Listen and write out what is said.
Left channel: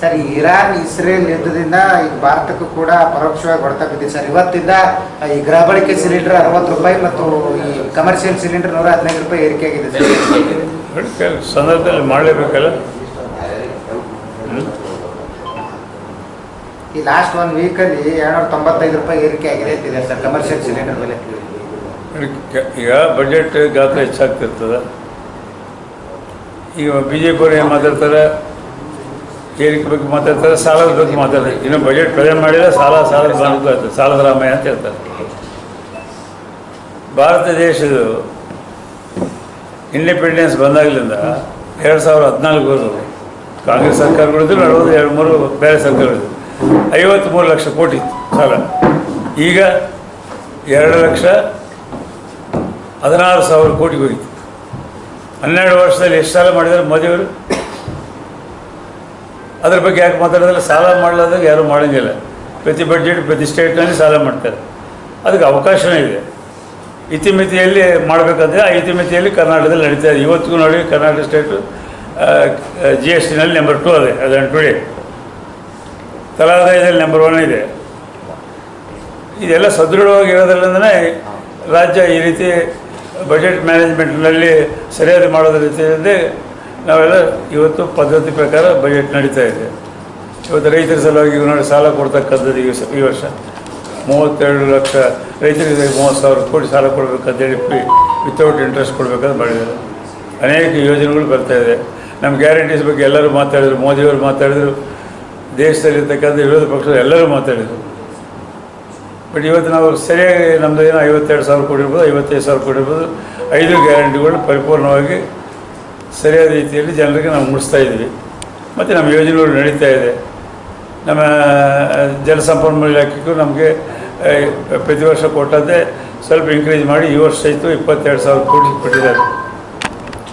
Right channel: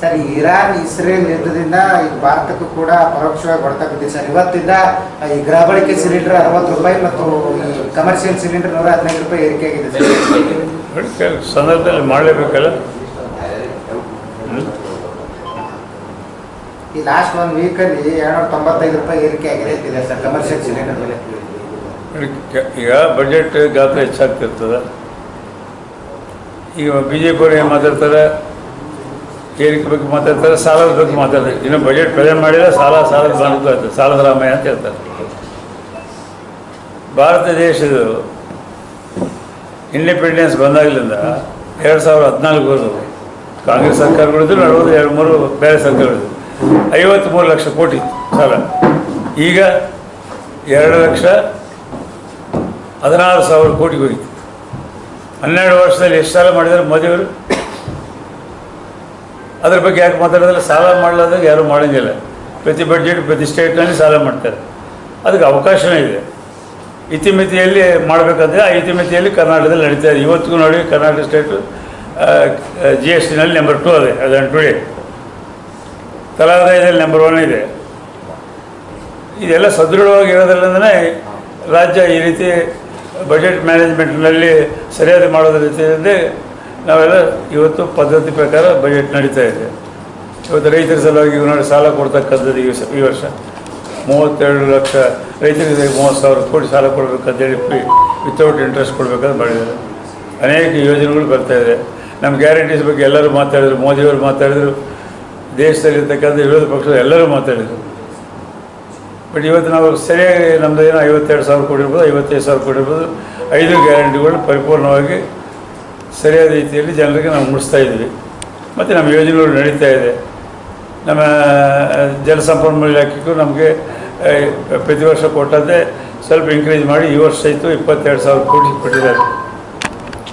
Sir, Iran Israel ಯುದ್ಧದಿಂದ ಈಗ ಭಾರತಕ್ಕೂ ಕೂಡ ಪರೋಕ್ಷವಾಗಿ ಹೊಡೆತ ಬಿದ್ದಿದೆ ಸರ್. ಇವತ್ತಿಂದ ಈ ಗೃಹ ಬಳಕೆ ಸಿಲಿಂಡರ್ 60 ರೂಪಾಯಿ ಮತ್ತು ಈ ಕಮರ್ಷಿಯಲ್ ಸಿಲಿಂಡರ್ 115 ರೂಪಾಯಿ ಏರಿಕೆ ಆಗಿದೆ ಸರ್. ಸಂದರ್ಭದಲ್ಲಿ ಮಾಡಲೇಬೇಕಲ್ಲ. ಈ ಲಾಸ್ಟ್ 1 ವೀಕಲ್ಲಿ 295 ರೂಪಾಯಿ ಏರಿಕೆ ಆಗಿದೆ ಸರ್ ಕಮರ್ಷಿಯಲ್ ಸಿಲಿಂಡರ್ ಬೆಲೆ. ಈಗ ಬಜೆಟ್ ಗಾತ್ರ ಹೆಚ್ಚಾಗ್ತಿರ್ತದೆ. ಈಗ BJP ಅವ್ರು ಏನು ಮಾತಾಡ್ತಾರೆ, ಏರಿಕೆ ಬಗ್ಗೆ ಮಾತಾಡ್ತಾರೆ, ಸಾಲದ ಬಗ್ಗೆ ಮಾತಾಡ್ತಾರೆ. ಇನ್ನು ಬಜೆಟ್ ಪ್ರೆಸೆಂಟ್ ಮಾಡಿದರೆ ಸಾಲದ ಬಂದು ಆಗ್ತದೆ, ಸಾಲದ ರಾಮಯ್ಯ ಅಂತ ಹೇಳ್ತಾರೆ. ಭಾರತ ದೇಶದ ಇಂಡಿಪೆಂಡೆನ್ಸ್ ಬಂದಾಗಲಿಂದ 2014 ಕಾಂಗ್ರೆಸ್ ಸರ್ಕಾರಗಳಿದ್ರು, 2-3 ಬೇರೆ ಸರ್ಕಾರಗಳಿದ್ರು. 53 ಲಕ್ಷ ಕೋಟಿ ಸಾಲ. ಈಗ 2,16,000 ಕೋಟಿಗೆ ಹೋಗಿತ್ತು. 12 ವರ್ಷದಲ್ಲಿ ಎಷ್ಟು ಸಾಲ ಮಾಡಿದ್ದಾರೆ ಮೋದಿಯವರು? ಅದ್ರ ಬಗ್ಗೆ ಯಾಕೆ ಮಾತಾಡೋದಿಲ್ಲ? ಸಾಲ ಮಾಡಲಾದಾಗ ಯಾರೂ ಮಾಡೋಂಗಿಲ್ಲ. ಪ್ರತಿ ಬಡ್ಜೆಟ್ ಪ್ರತಿ ಸ್ಟೇಟ್ನಲ್ಲಿ ಸಾಲ ಮಾಡ್ತಾರೆ. ಅದಕ್ಕೆ ಅವಕಾಶವೇ ಇದೆ. ಇತಿಮಿತಿಯಲ್ಲಿ ಮಾಡಬೇಕಂದ್ರೆ ಆ ಇತಿಮಿತಿಯಲ್ಲಿ ಕರ್ನಾಟಕದಲ್ಲಿ ನಡೀತಾ ಇದೆ. ಇವತ್ತಿಗೂ ನೋಡಿ ಕರ್ನಾಟಕ ಸ್ಟೇಟು GSTನಲ್ಲಿ ನಂಬರ್ 2 ಅದೇ ಅದನ್ನು ಟುಡೇ. ತಲಾದಾಯದಲ್ಲಿ ನಂಬರ್ 1 ಇದೆ. ಇದೆಲ್ಲ ಸದೃಢವಾಗಿರೋದ್ರಿಂದನೇ ರಾಜ್ಯ ಈ ರೀತಿ ಬಜೆಟ್ ಮ್ಯಾನೇಜ್ಮೆಂಟ್ನಲ್ಲಿ ಸರಿಯಾದ ಮಾಡೋದ್ರ ರೀತಿಯಲ್ಲಿ ನಾವೆಲ್ಲ ಇವತ್ತು ಪದ್ಧತಿ ಪ್ರಕಾರ ಬಜೆಟ್ ನಡೀತಾ ಇದೆ. ಇವತ್ತು ರೈತರ ಸಲುವಾಗಿ ನೋಡಿ ಸಾಲ ಕೊಡ್ತಕ್ಕಂಥದ್ದು ಈ ವರ್ಷ 32 ಲಕ್ಷ ರೈತರಿಗೆ 30,000 ಕೋಟಿ ಸಾಲ ಕೊಡಬೇಕಂತೇಳಿ ವಿತೌಟ್ ಇಂಟ್ರೆಸ್ಟ್ ಕೊಡಬೇಕಂತ ಮಾಡಿದ್ದಾರೆ. ಅನೇಕ ಯೋಜನೆಗಳು ಬರ್ತಾಯಿದೆ. ನಮ್ಮ ಗ್ಯಾರಂಟೀಸ್ ಬಗ್ಗೆ ಎಲ್ಲರೂ ಮಾತಾಡಿದರು, ಮೋದಿಯವರು ಮಾತಾಡಿದರು, ದೇಶದಲ್ಲಿರ್ತಕ್ಕಂಥ ವಿರೋಧ ಪಕ್ಷದ ಎಲ್ಲರೂ ಮಾತಾಡಿದರು. ಬಟ್ ಇವತ್ತು ನಾವು ಸರಿಯಾಗಿ ನಮ್ಮದು ಏನೋ 52,000 ಕೋಟಿ ಇರ್ಬೋದು, 55,000 ಕೋಟಿ ಇರ್ಬೋದು, 5 ಗ್ಯಾರಂಟಿಗಳು ಪರಿಪೂರ್ಣವಾಗಿ ಸರಿಯಾದ ರೀತಿಯಲ್ಲಿ ಜನರಿಗೆ ನಾವು ಮುಡಿಸ್ತಾ ಇದ್ವಿ. ಮತ್ತು ನಮ್ಮ ಯೋಜನೆಗಳು ನಡೀತಾ ಇದೆ. ನಮ್ಮ ಜಲಸಂಪನ್ಮೂಲ ಇಲಾಖೆಗೂ ನಮಗೆ ಪ್ರತಿ ವರ್ಷ ಕೊಟ್ಟಂತೆ ಸ್ವಲ್ಪ ಇನ್ಕ್ರೀಸ್ ಮಾಡಿ ಈ ವರ್ಷ ಇತ್ತು 22,000 ಕೋಟಿ ಕೊಟ್ಟಿದ್ದಾರೆ.